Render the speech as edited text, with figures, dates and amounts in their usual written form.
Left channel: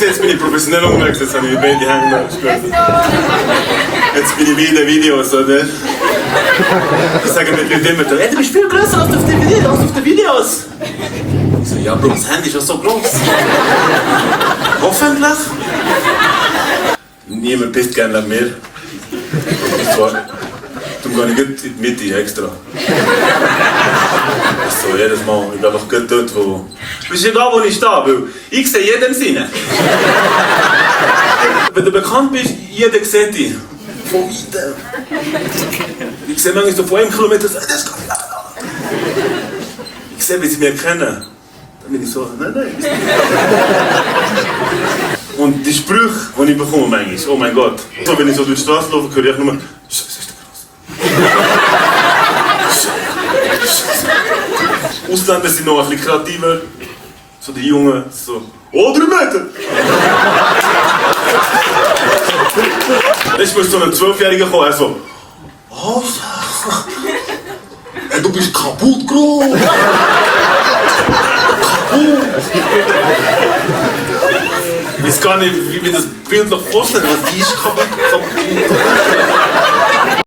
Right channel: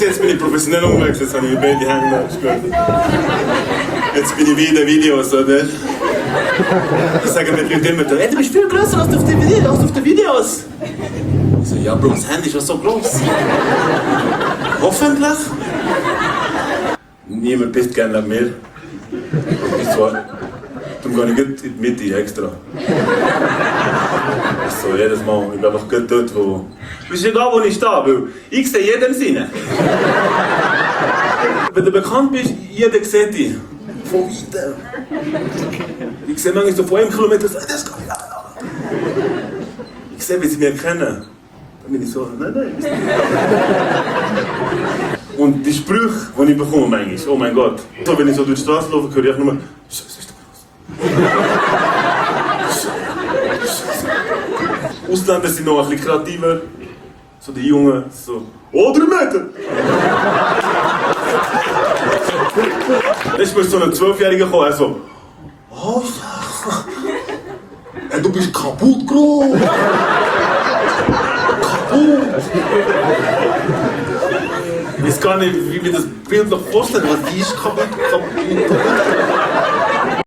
Jetzt bin ich professionell unterwegs, jetzt habe ich beide Hände gespürt. Jetzt bin ich wieder Videos, oder? Ich sage mit Leuten immer, hey, du bist viel größer als auf den Videos. Ich so, ja Bro, das Handy ist ja so groß. Hoffentlich. Niemand pisst gerne neben mir. Ich zwar, darum gehe ich gut in die Mitte extra. So, jedes Mal, ich bin einfach gut dort, wo... Es ist egal, wo ich stehe, weil ich sehe jedem Sinne. Wenn du bekannt bist, jeder sieht dich. Von weitem. Ich sehe manchmal so von 1 Kilometer, das ist gar nicht. Ich sehe, wie sie mich kennen. Dann bin ich so, nein. Und die Sprüche, die ich bekomme manchmal, oh mein Gott. So, wenn ich so durch die Straße laufe, höre ich nur, Scheiße, ist der groß. Ausländer sind noch ein bisschen kreativer. So die Jungen, so, oh, 3 Meter! Letztes Mal ist so ein 12-Jähriger gekommen, er so, oh, ja. Du bist kaputt, Bro! Kaputt! Ich weiß gar nicht, wie mir das Bild noch vorstellt, was die ist kaputt.